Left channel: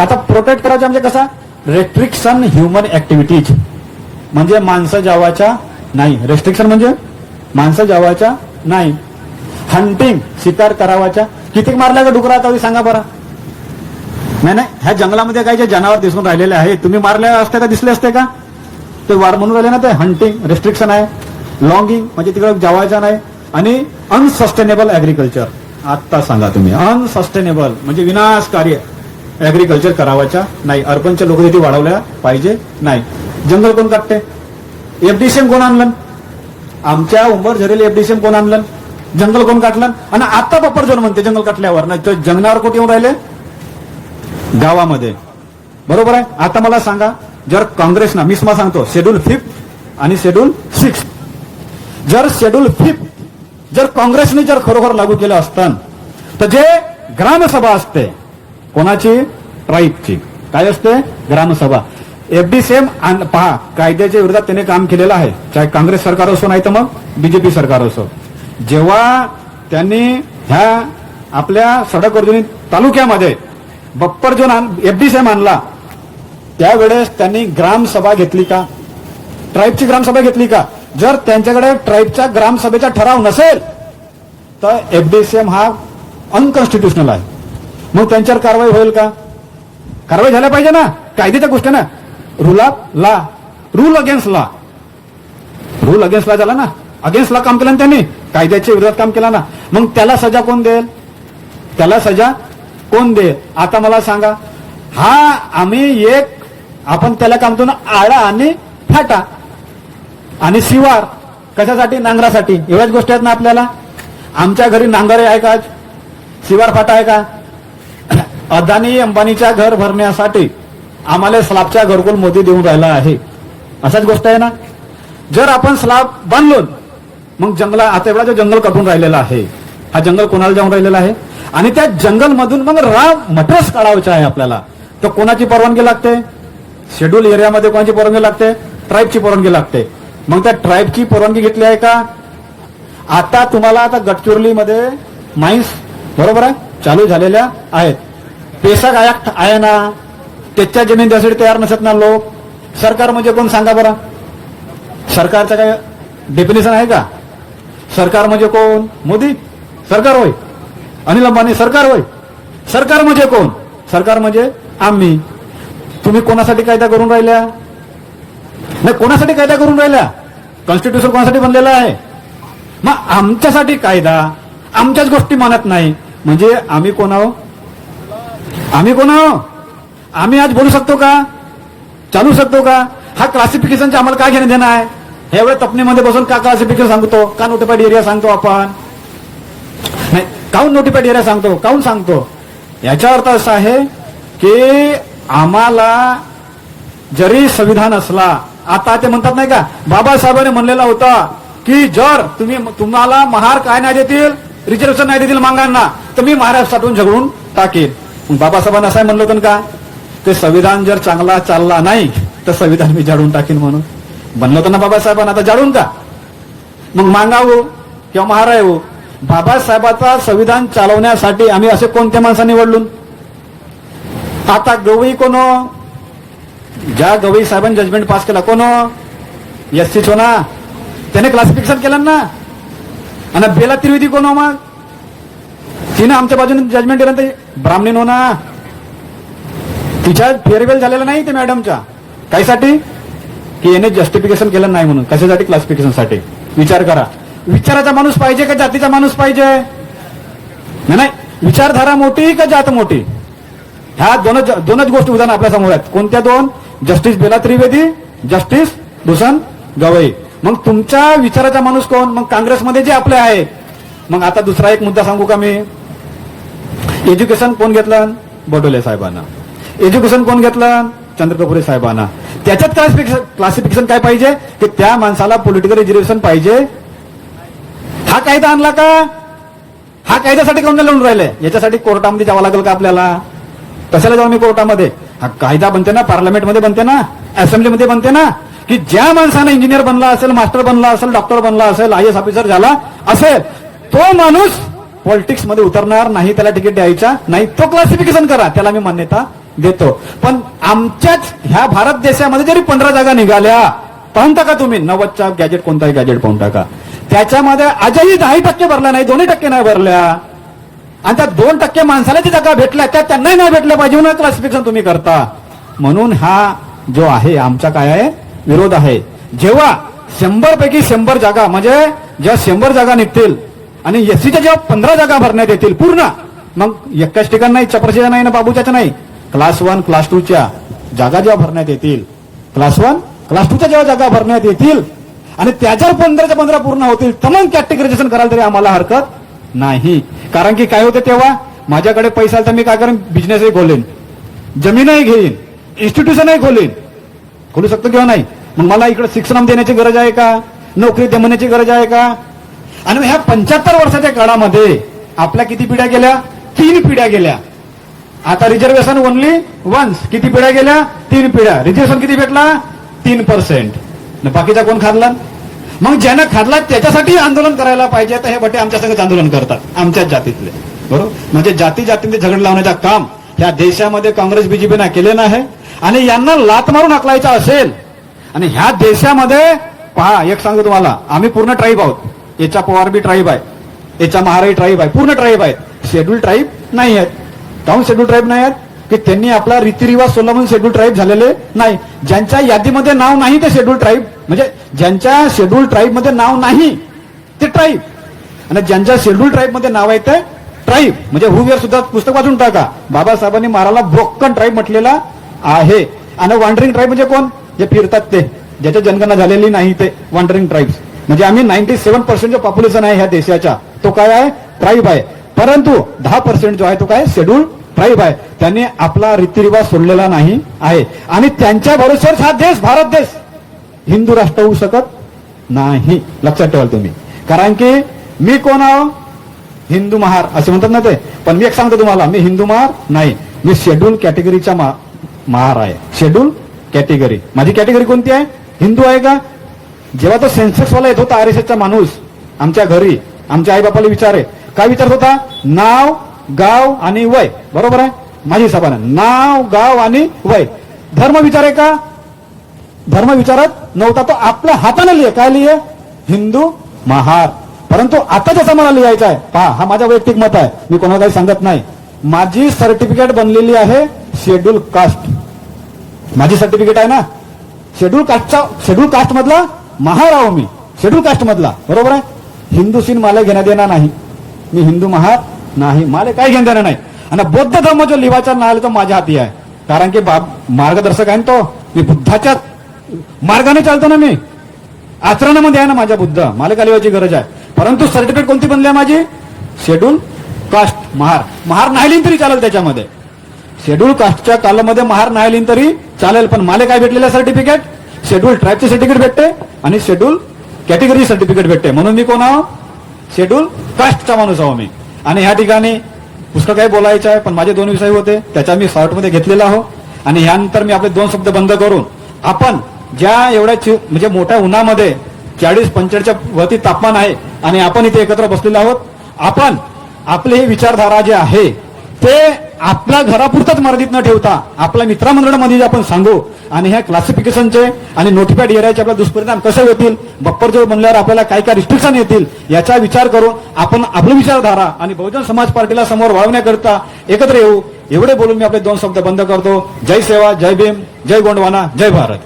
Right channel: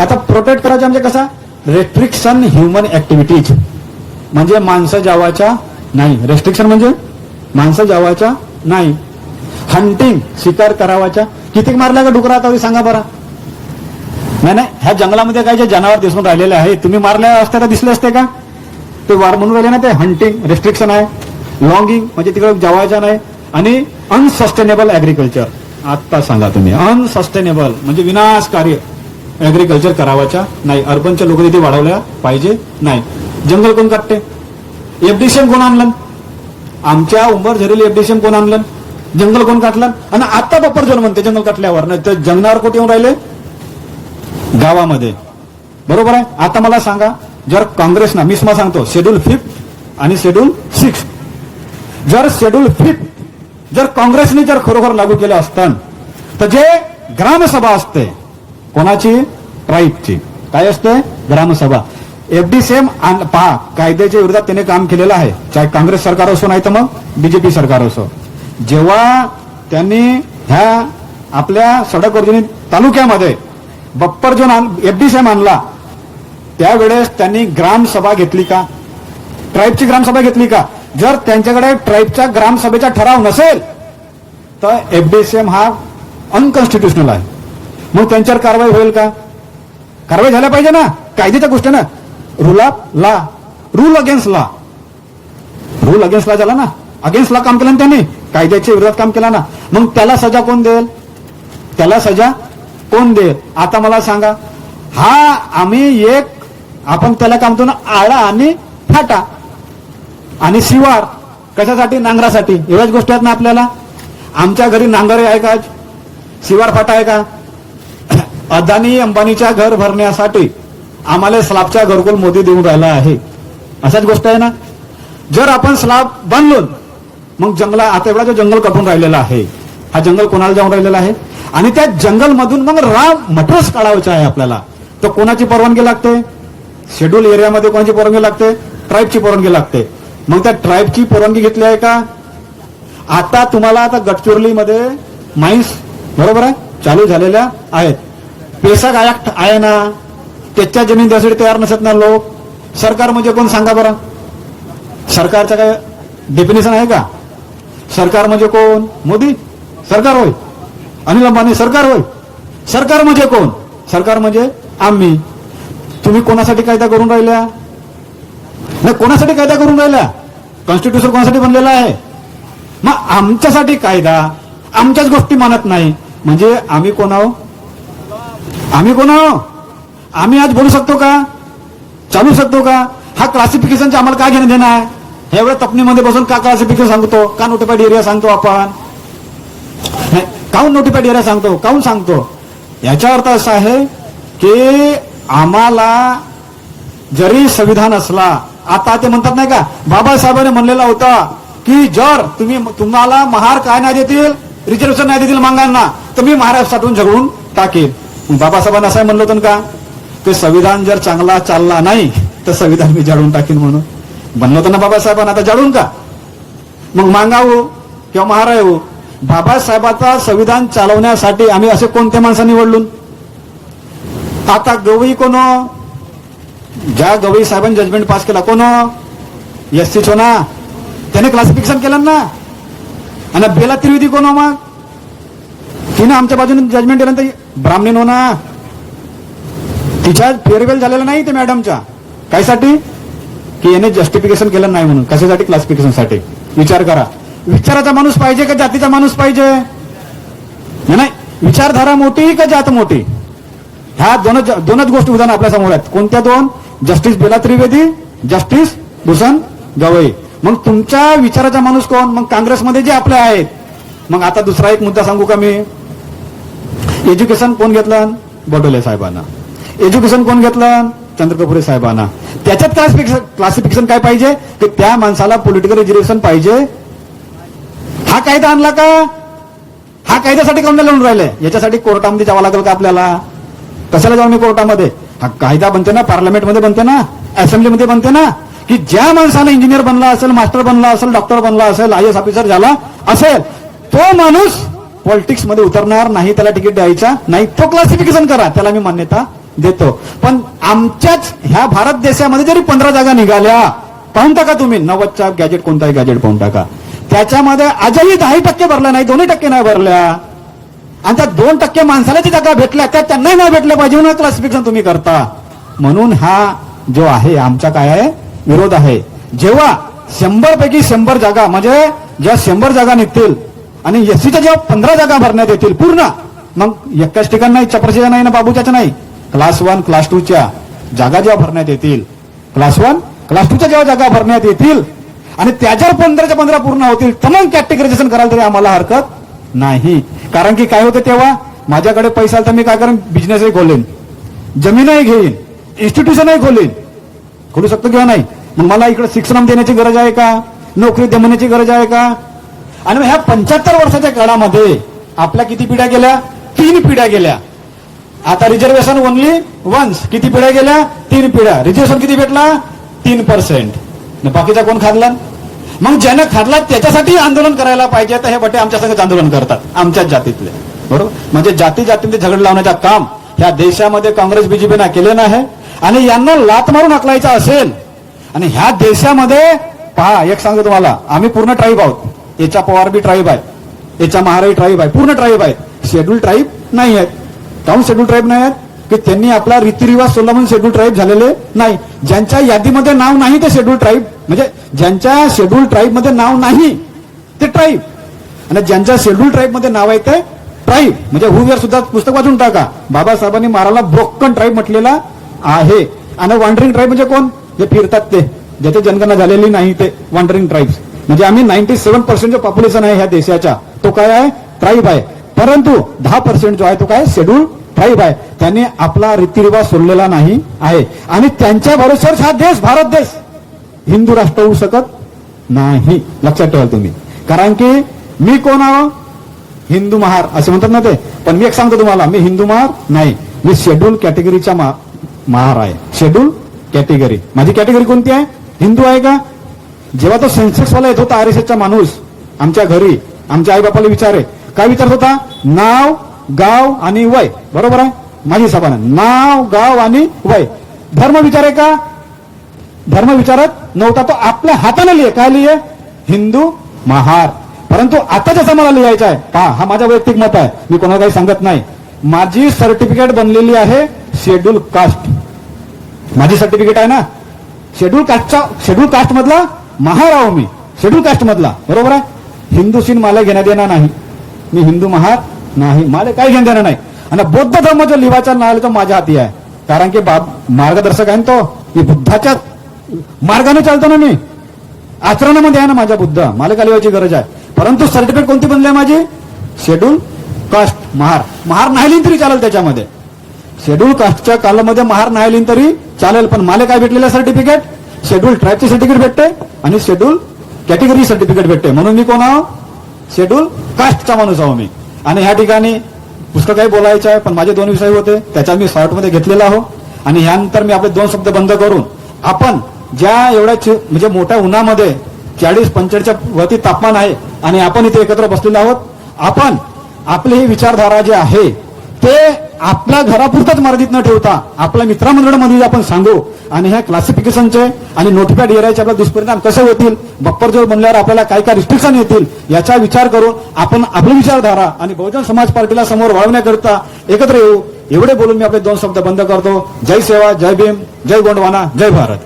आता प्रोटेक्ट करायचं म्हणजे कसा, रेस्ट्रिक्शन ह्युमन ऍक्टिव्हिटीज म्हणजे माणसं जावाच्या नाही, रेस्ट्रिक्शन म्हणजे माणसं जावाच्या नाही. हंटिंग शिकार करावाच्या, किती मारल्या का डुकरा आता सांगा बरं. नाही, ह्या जंगलामध्ये काही जे जनावर दिसून राहिलेले आहे, तुम्ही मारल्या असते का, दिसले असते का? ते वार म्हणून राहिले ना, ते हंटिंग रेस्ट्रिक्शन आहे. लॉंगिंग म्हणजे तिकडे जावायच्या नाही. आणि अनसस्टेनेबल ऍग्रिकल्चर, आता सांगा तुम्ही, अनसस्टेनेबल म्हणजे विनाशकारी ऍग्रिकल्चर करावाच्या नाही. अर्बनच्या लोकवस्ती वाढवल्या पाहिजे नाही. जंगल कोण काटते? एफडीसीएम कोण आणलं? आमच्या उंबर झरेल एफडीसीएम कोण आणलं? जंगल कोण काटलं? आणि आता बप्पर जण म्हणते जंगल काटल्यावर, नाही तर जंगलावर कुठे येऊन राहिले? गावामध्ये. बरोबर आहे. आता मला सांगा, जर काँग्रेसनं, मी तुम्हाला सांगतो, शेड्यूल 5 आणि शेड्यूल 6, जर शेड्यूल 5 जर काँग्रेसने जर खरोखर लागू केलं असतं, तर जे ग्रामसभा असते कोणाची? ट्राईबची. काय असते? ग्रामसभा. एफडीसीएम पहा, कायद्याच्या विरोधात त्याने काम केलेलं आहे, चाहे काँग्रेस सरकार असो नाही तर मग बीजेपी सरकार असो. जेव्हा त्यांनी ह्या आपल्या सडक वर्जनी तालुक्यामध्ये बप्पर जो एफडीसीएम आणला, त्यावेळेस त्यांनी ग्रामसभा घेतली का? ट्राईबची ग्रामसभा घेतली का? जर त्यांच्याकडे ट्राईबच्या ग्रामसभेचा ठराव नसेल तर एफडीसीएम हा अनकॉन्स्टिट्युशनल आहे. मग त्यांच्यावर कारवाई होईल का? कारवाई झाल्या पाहिजे ना, कायद्याच्या गोष्टी ना. Rule against law, rule against law झाला ना, अगेन्स्ट लॉ काम केलं ना त्यांनी, कायद्याच्या विरोधात काम केलं ना. मग त्याला सजा कोण देईल? त्याला सजा कोण देईल? आता मला सांगा, हा आम्ही आपण त्याला काम करतो ना, आळा आणि फाटा आणि शिवार, कशासाठी? नांगरासाठी. एवढ्याच गोष्टी आहेत ना आपल्याला. आमच्या घरी नांगर आहे का? शिवार फाटा आहे का? अदानी अंबानीच्या घर भरण्यासाठी आम्हाला स्लॅबच्या घरकुल मोदी देऊन राहिला आहे, असाच गोष्ट आहे ना. जर आपण स्लॅब बांधलो, मग जंगला, आता एवढा जो जंगल कपून राहिलेला आहे, हा जंगल कोणाला जाऊन राहिलेला आहे? आणि त्या जंगलमधून मग मटेरियल्स काढायचे आहे आपल्याला, तर कोणाची परवानगी लागते? शेड्यूल एरियामध्ये कोणाची परवानगी लागते? ट्राईबची परवानगी लागते. मग त्या ट्राईबची परवानगी घेतली आहे का? आता तुम्हाला आता गडचिरोलीमध्ये माईन्स, बरोबर आहे, चालू झालेल्या आहेत. पेशक आहे ना, त्याच्या जमीन द्यासाठी तयार नसत ना लोक. सरकार म्हणजे कोण सांगा बरं? सरकारचं काय डेफिनेशन आहे का? सरकार म्हणजे कोण? मोदी सरकार होय, अनिल अंबानी सरकार होय. सरकार म्हणजे कोण? सरकार म्हणजे आम्ही. तुम्ही कोणासाठी कायदा करून राहिल्या? नाही, कोणासाठी कायदा करून राहिल्या? कॉन्स्टिट्यूशन कोणासाठी बनलेलं आहे? मग आमच्यासाठी कायदा, आमच्याच गोष्टी मानत नाही म्हणजे आम्ही कोण आहो? आम्ही कोण आहो? आम्ही आज बोलू शकतो का? चालू शकतो का? हा क्लासिफिकेशनचे आम्हाला काय घेणं देणं आहे? ह्या वेळेस तपनीमध्ये बसून का क्लासिफिकेशन सांगतो? का नोटिफाईड एरिया सांगतो आपण? नाही, काऊन नोटिफाईड एरिया सांगतो? काऊन सांगतो? याचा अर्थ असा आहे की आम्हाला जरी संविधान असला, आता ते म्हणतात नाही का, बाबासाहेबांनी म्हणलेला होता की जर तुम्हाला महार काय नाही देतील, रिझर्वेशन नाही देतील मागांना, तर मी महाराष्ट्रातून झगडून टाकेल. बाबासाहेबांना असं म्हणलं होतं का, ते संविधान जर चांगला चालला नाही तर संविधान मी जाळून टाकेन म्हणून म्हणलं होतं ना बाबासाहेबांना. आता जाळून का? मग मागावं किंवा महारायो, बाबासाहेबांचा संविधान चालवण्यासाठी आम्ही असे कोणत्या माणसांनी निवडलो? आता गवई कोण? ज्या गवई साहेबांनी जजमेंट पास केला कोण? एससीच हो ना, त्याने क्लासिफिकेशन केलं ना. आणि बेला त्रिवेदी कोण? मग तिने आमच्या बाजूने जजमेंट दिलं तर ब्राह्मणीन हो ना. तिच्या फेअरवेल झालेला नाही ते मॅडमच्या, कायसाठी? की याने जस्टिफिकेशन केलं नाही म्हणून. कशासाठी? क्लासिफिकेशनसाठी. विचार करा, विचाराचा माणूस पाहिजे का जातीचा माणूस पाहिजे? नाही, विचारधारा मोठी का जात मोठी? ह्या दोनच गोष्टी उदाहरण आपल्या समोर आहेत. कोणत्या दोन? Justice Bela Trivedi, justice Bhushan Gavai. मग तुमच्या विचाराचा माणूस कोण? मग काँग्रेसमध्ये जे आपले आहेत. मग आता दुसरा एक मुद्दा सांगू का मी? एज्युकेशन कोण घेतलं? बडोले साहेबांना. एज्युकेशन कोण घेतलं? चंद्रकापुरे साहेबांना. त्याच्यात क्लासिफिकेशन काय पाहिजे? की त्या माणसाला पॉलिटिकल रिझर्वेशन पाहिजे. हा कायदा आणला का? हा कायद्यासाठी कोण लढून राहिले? याच्यासाठी कोर्टामध्ये जावं लागेल का आपल्याला? कशाला जाऊ मी कोर्टामध्ये? हा कायदा बनते ना, पार्लमेंटमध्ये बनते ना, असेंब्लीमध्ये बनते ना, की ज्या माणसाला इंजिनियर बनला असेल, मास्टर बनला असेल, डॉक्टर बनला असेल, IAS ऑफिसर झाला असेल, तो माणूस पॉलिटिक्स मध्ये उतरणार नाही, त्याला तिकीट द्यायचा नाही, तो क्लासिफिकेशन करा, त्याला मी मान्यता देतो. पण आमच्याच ह्या भारत देशामध्ये जरी 15 जागा निघाल्या, पाहून टाका तुम्ही 90चा गॅजेट, कोणताही गॅजेट पाहून टाका, त्याच्यामध्ये आजही 10% भरला नाही, 2% नाही भरल्या. आणि त्या 2% माणसाला जी जागा भेटल्या त्या त्यांनाही नाही भेटल्या पाहिजे म्हणून क्लासिफिकेशन तुम्ही करता. म्हणून हा जो आहे आमचा काय आहे, विरोध आहे. जेव्हा 100 पैकी 100 जागा म्हणजे ज्या 100 जागा निघतील आणि एससीच्या जेव्हा 15 जागा भरण्यात येतील पूर्ण, मग एकाच ठिकाण नाही, चपरशीच्या नाही ना बाबूच्या नाही, क्लास 1 क्लास 2च्या जागा जेव्हा भरण्यात येतील, क्लास 1 क्लास 2च्या जेव्हा जागा भरण्यात येतील आणि त्या जर 15च्या 15 पूर्ण होतील तर मग कॅटेगरायझेशन करायला तरी आम्हाला हरकत नाही. कारण की काय होतं, तेव्हा माझ्याकडे पैसा आला तर मी काय करेन, बिझनेसही खोलेन, जमीनही घेईन, इन्स्टिट्यूशनही खोलू शकतो किंवा नाही. मग मला इकडे शिक्षण देण्याची गरज आहे का, नोकरी देण्याची गरज आहे का? आणि ह्या 75 वर्षाच्या काळामध्ये आपल्या किती पिढ्या गेल्या, 3 पिढ्या गेल्या. आता रिझर्वेशन ओनली वन्स, किती पिढ्या गेल्या, 3 पिढ्या. रिझर्वेशन किती भेटला, 3%. बाकीचा कोण खाल्ला? मग ज्यानं खाल्ला त्याच्यासाठी आंदोलन करायला पाहिजे. तर हे बटे आमच्या संगत आंदोलन करतात, आमच्याच जातीतले, बरोबर. म्हणजे जातीमध्ये झगड लावण्याचं काम ह्या देशामध्ये काँग्रेस बीजेपीनं केले नाही. आणि यांना लात मारून हकलायचा असेल, आणि ह्या देशामध्ये पहा, एक सांगतो तुम्हाला, आम्ही पूर्ण ट्राईब आहोत. याचा पवार बी ट्राईब आहे, याचा महाराई ट्राईब आहे, पूर्ण ट्राईब आहे. शेड्यूल ट्राईब नाही आहेत. काहून शेड्यूल ट्राईब नाही आहेत? की त्यांनी आपला रीतिरिवाज सोडला म्हणून शेड्यूल ट्राईब झालेले नाही. ज्यांच्या यादीमध्ये नाव नाही ते शेड्यूल ट्राईब, म्हणजे ज्यांच्या शेड्यूल ट्राईब मध्ये नाव नाही ते ट्राईब, आणि ज्यांच्या शेड्यूल ट्राईब मध्ये नाव आहे ते ट्राईब. म्हणजे हुवेर सुद्धा पुस्तक वाचून टाका, बाबासाहेबांनी महाराला ब्रोकन ट्राईब म्हटलेला आहे. आणि वॉन्डरिंग ट्राईब म्हणजे कोण, जे फिरतात ते, ज्याची जनगणना झालेली नाही ते वॉन्डरिंग ट्राईब्स. म्हणजे आम्ही 97% जो पॉप्युलेशन आहे ह्या देशाचा तो काय आहे, ट्राईब आहे. परंतु 10% जो आहे तो काय, शेड्यूल ट्राईब आहे. त्यांनी आपला रीतिरिवाज सोडलेला नाही आहे. आणि त्यांच्या भरोश्यावर हा देश, भारत देश हिंदू राष्ट्र होऊ शकत नाही. लक्षात ठेवाल तुम्ही. कारण की मी कोण आहो, हिंदू महार असे म्हणतात ना ते. पण मी एक सांगतो तुम्हाला, मी हिंदू महार नाही, मी शेड्यूल कॅटेगरीचा महार आहे. शेड्यूल कॅटेगरी, माझी कॅटेगरी कोणती आहे, हिंदू आहे का? जेव्हा तो सेन्सेक्सवाला येत होता आरएसएसचा माणूस आमच्या घरी, आमच्या आई बापाला विचारे, काय विचारत होता, नाव, गाव आणि वय, बरोबर आहे. माझी हिसाबानं नाव, गाव आणि वय. धर्म विचारे का? धर्म विचारत नव्हता. तो आपल्या हाताने लिहे, काय लिहे, हिंदू महार. परंतु आता जसं मला लिहायचं आहे, पहा, हा माझा वैयक्तिक मत आहे, मी कोणाला काही सांगत नाही. माझी सर्टिफिकेट बनलेली आहे शेड्यूल कास्ट, माझी सर्टिफिकेट आहे ना शेड्यूल कास्टचा, शेड्यूल कास्ट मधला महार आहो मी, शेड्यूल कास्ट मधला, बरोबर आहे. हिंदूशीन मला घेण्यात येणार नाही, मी हिंदू महार नाही, मला काय घेणं देणं नाही. आणि बौद्ध धर्म जो लिहायचा नाव तो माझ्या हाती आहे. कारण की मार्गदर्शक आहे तो, मी बुद्धाच्या मार्गाने चालतो ना, मी आचरणामध्ये आहे ना माझ्या बुद्ध, मला काय लिहायची गरज आहे. परंतु सर्टिफिकेट कोणती बनली आहे माझी, शेड्यूल कास्ट महार. महार नाही लिहिली तरी चालेल, त्याच्यामध्ये शेड्यूल कास्टच्या कालामध्ये महार नाही लिहिली तरी चालेल. पण मला काय भेटलेलं सर्टिफिकेट, शेड्यूल ट्राईबचे सर्टिफिकेट भेटते आणि शेड्यूल कॅटेगरी सर्टिफिकेट भेटते. म्हणून मी कोण आहो, शेड्यूल कास्टचा माणूस आहो मी. आणि ह्या ठिकाणी पुस्तक काही बोलायचं आहे, पण माझे 2 विषय होते, त्याच्या मी शॉर्टमध्ये घेतलेला आहो. आणि ह्यानंतर मी आपले 2 शब्द बंद करून, आपण ज्या एवढ्या म्हणजे मोठ्या उन्हामध्ये 40-45च्या वरती तापमान आहे आणि आपण इथे एकत्र बसलेलो आहोत, आपण आपले हे विचारधारा जे आहे ते आपल्या घरापुरतच मर्यादित न ठेवता आपल्या मित्रमंडळामध्ये आपण सांगू. आणि ह्या क्लासिफिकेशनचे आणि नोटिफाईड एरियाचे आपले दुष्परिणाम कसे होतील, बक्कर जोड बनल्यावर आपल्याला काय काय रिस्ट्रिक्शन येतील, याचा विचार करून आपण आपली विचारधारा आणि बहुजन समाज पार्टीला समोर वाढवण्याकरता एकत्र येऊ. एवढे बोलून मी आपले 2 शब्द बंद करतो. जय सेवा, जय भीम, जय गोंडवाना, जय भारत.